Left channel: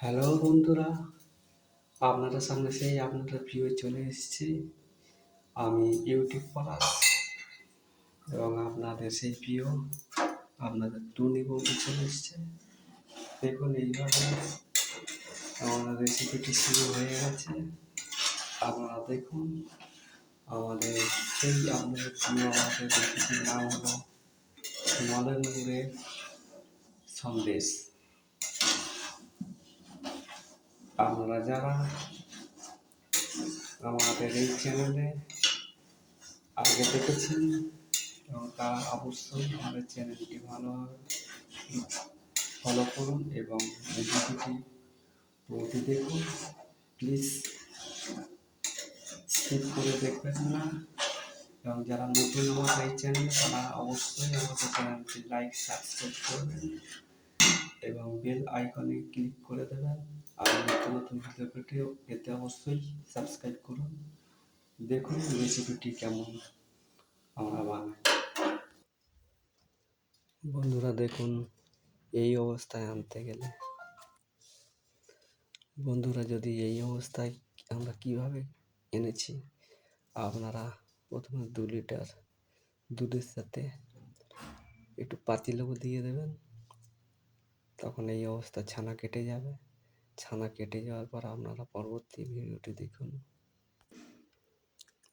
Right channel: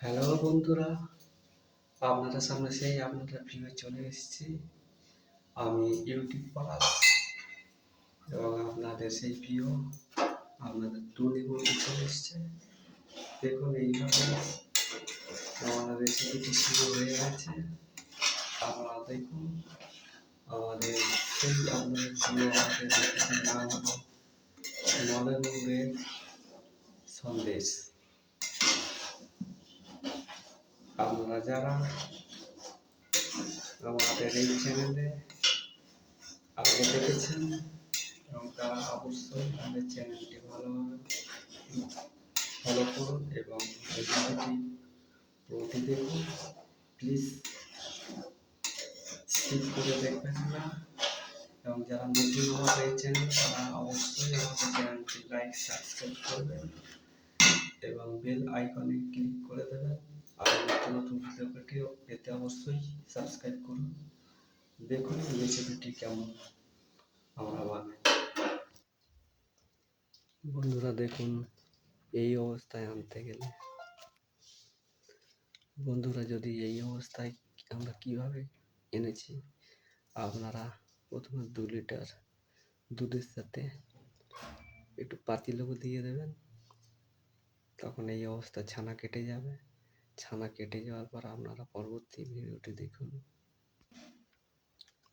Hello বন্ধুরা, আপনাদের সামনে সেই আপনাদের প্রিয় চলে এসেছি। আমি ইউটিউব পলাশ এবং আপনাদের সেই প্রিয় আপনাদের টুনি বন্ধু চলে এসছে। দেখুন এইভাবে আমাদের রেসিপিটি শুরু হয়ে গেছে। আপনারা দেখুন আমাদের সেই আপনাদের প্রিয় আমাদের রেসিপির নাম হলো নলেন গুড়ের সন্দেশ। আপনারা যারা আমাদের এই চ্যানেলে আগে দেখেছেন এবং তারা অবশ্যই আমাদের চ্যানেলটি ভালোভাবে ফলো করুন এবং রেসিপিটি পুরোটি দেখুন। প্লিজ স্কিপ করে দেখবেন না। এবং যারা নতুন আমাদের এই চ্যানেল তারা অবশ্যই আমাদের চ্যানেলটি লাইক সাবস্ক্রাইব করবেন এবং বেল আইকনে ক্লিক করে দেবেন। আর নতুন নতুন ভিডিও পেতে অবশ্যই সাবস্ক্রাইব করুন। দেখুন রেসিপিটি কেমন আমরা বানাই। বন্ধুরা দেখুন এই অবস্থায় আনতে গেলে বন্ধুরা যদি এই অবস্থায় আমরা কিভাবে এনেছি, আপনারা প্রথমে 2 লিটার দুধের সাথে একটু পাতিলেবু দিয়ে দেবেন। তখন এই অবস্থা ছানা কেটে যাবে। ছানা কেটে যাওয়ার পর আপনারা পরবর্তী ভিডিওটি দেখুন।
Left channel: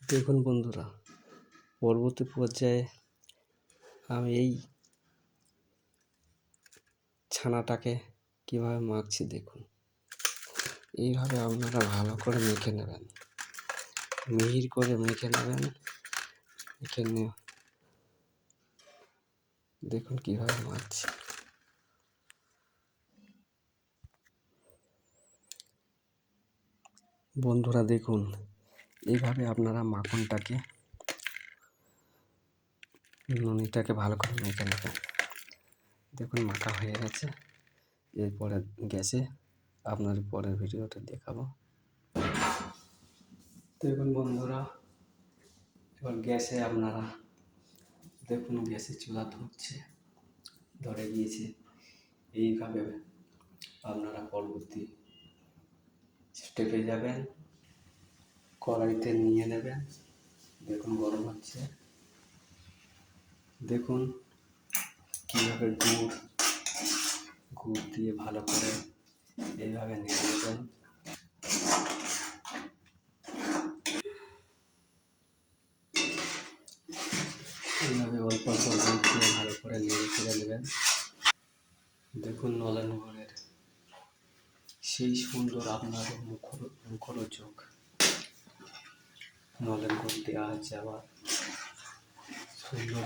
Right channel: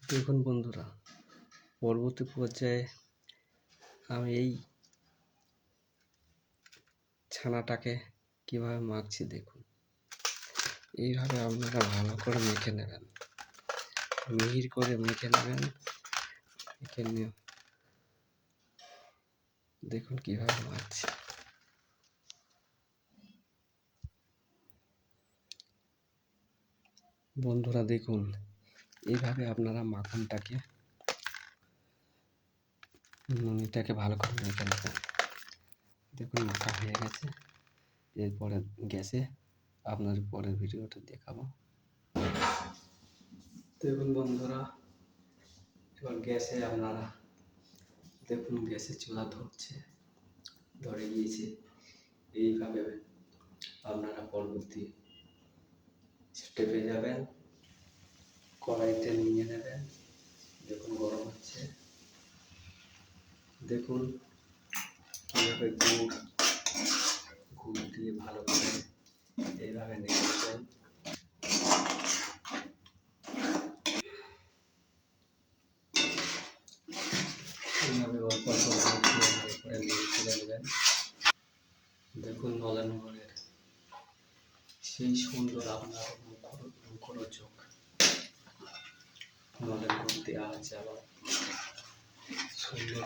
দেখুন বন্ধুরা, পরবর্তী পর্যায়ে আমি এই ছানাটাকে কিভাবে মাখছি দেখুন। এইভাবে আপনারা ভালো করে মেখে নেবেন, মিহির করে মেখে নেবেন। মেখে নিয়ে দেখুন কিভাবে মাখছি। বন্ধুরা দেখুন এইভাবে আপনারা মাখনটাকে ননিটাকে ভালো করে মেখে নেবেন। দেখুন মাখা হয়ে গেছে। এরপরে গ্যাসে আপনার পরের ভিডিওটা দেখাবো। দেখুন বন্ধুরা, এবার গ্যাসে আপনারা দেখুন গ্যাসে চুলা ধরে গিয়েছে। এইভাবে আপনারা পরবর্তী স্টেপে যাবেন। কড়াইতে নিয়ে নেবেন। দেখুন গরম হচ্ছে। দেখুন কীভাবে গুড় দিয়ে ভালো করে এইভাবে নিয়ে নেবেন। এইভাবে অল্প অল্প গুড় দিয়ে ভালো করে নেড়ে চেড়ে নেবেন। দেখুন নলেন গুড়ের সেই সুন্দর আপনার মুখরোচক নলেন গুড় দেওয়া আছে, আবার সুন্দর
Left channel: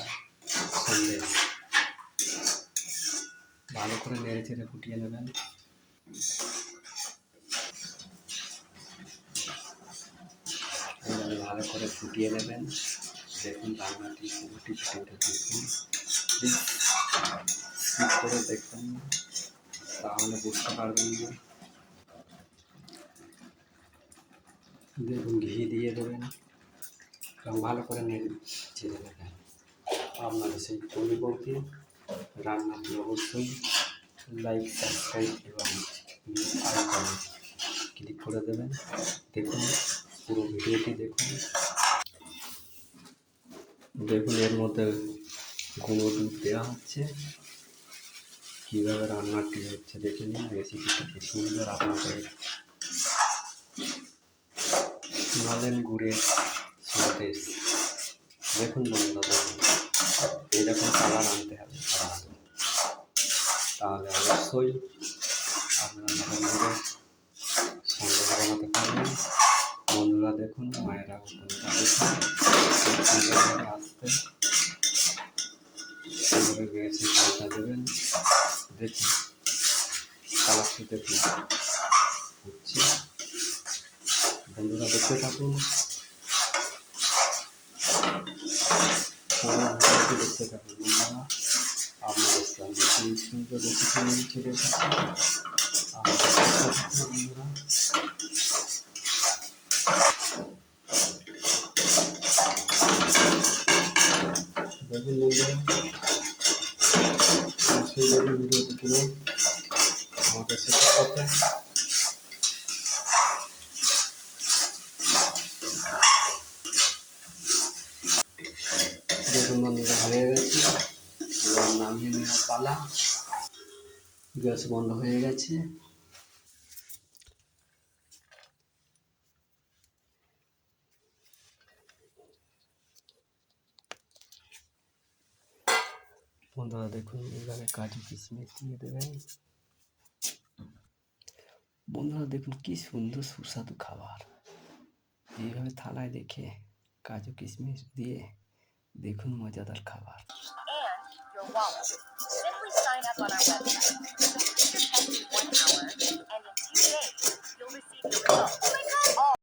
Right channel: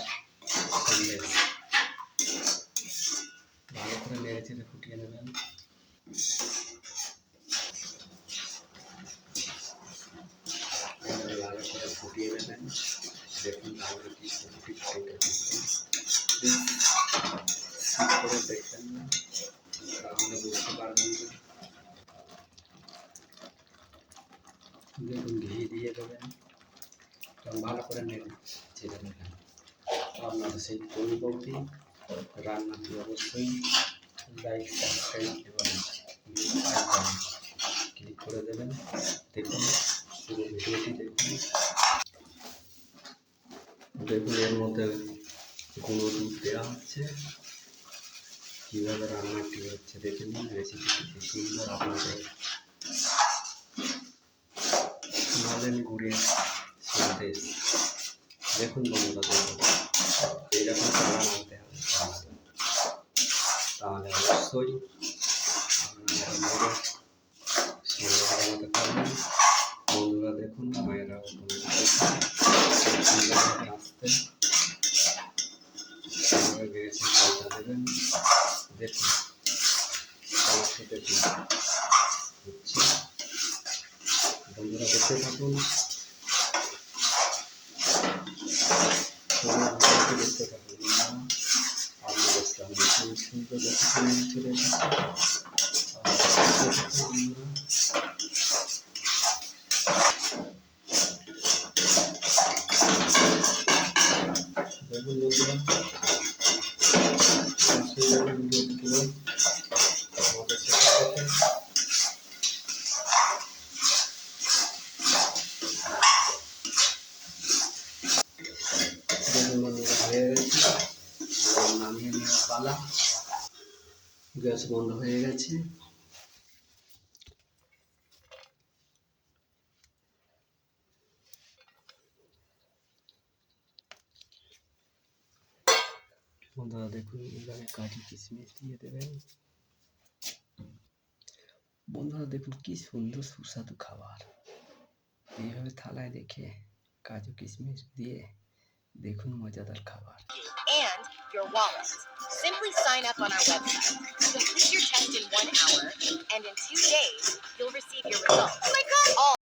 সন্দেশ। ভালো করে নেড়ে চেড়ে ফুটিয়ে নেবেন। ভালো করে ফুটিয়ে নেবেন। দেখুন রান্নাটি পুরোটি ফুটে দেখুন। স্কিপ করে দেখবেন না, তাহলে বুঝতে পারবেন না। দেখুন ঘি দিয়ে দেবেন এবং ভালো করে নেড়ে চেড়ে নেবেন। আপনাদের সেই পরিবর্তী রান্নাটি অবশ্যই লাইক সাবস্ক্রাইব এবং আইকনে ক্লিক করে দেবেন। দেখুন পুরো ভিডিওটি দেখুন। দেখুন এর মধ্যে গুঁড়ো দুধ দেওয়া হচ্ছে। কীভাবে রান্নাটি হচ্ছে দেখে নিন। রেসিপিটি খুব সুন্দর। আপনাদের নলেন গুড়ের সন্দেশ দেখুন বন্ধুরা, দেখুন এইরকম কালার আনতে হবে। তাহলে অবশ্যই আপনারা মেয়েরা সন্দেশ বানাতে পারবেন। বন্ধুরা দেখুন, মায়েরা সুন্দরভাবে আসতে এইভাবে গ্যাসে পাল্টা দেবেন। দেখুন কালারটি দেখুন হচ্ছে। বন্ধুরা দেখতে থাকুন, দেখতে থাকুন বন্ধুরা। আপনাদের সঙ্গে সেই সুন্দর রেসিপি নিয়ে চলে এসেছি। বন্ধুরা দেখুন বন্ধুরা, সেইভাবে ভিডিওটি দেখুন বন্ধুরা হয়ে গেছে, এবার নামিয়ে নেওয়ার পালা। গ্যাস বন্ধ হয়ে গেছে। বন্ধুরা দেখুন এইভাবে কাজু কিশমিশ দিয়ে দেবেন। বন্ধুরা দেখুন কি সুন্দর সুস্বাদু খাবার। এইভাবে থালায় রেখে কাজু কিশমিশ দিয়ে দেখুন মজাদার খাবার। And your wallet. Simply sign up on our website. Complete your test in 1 hour, and in 2 days, you'll receive your results. Oh my God! All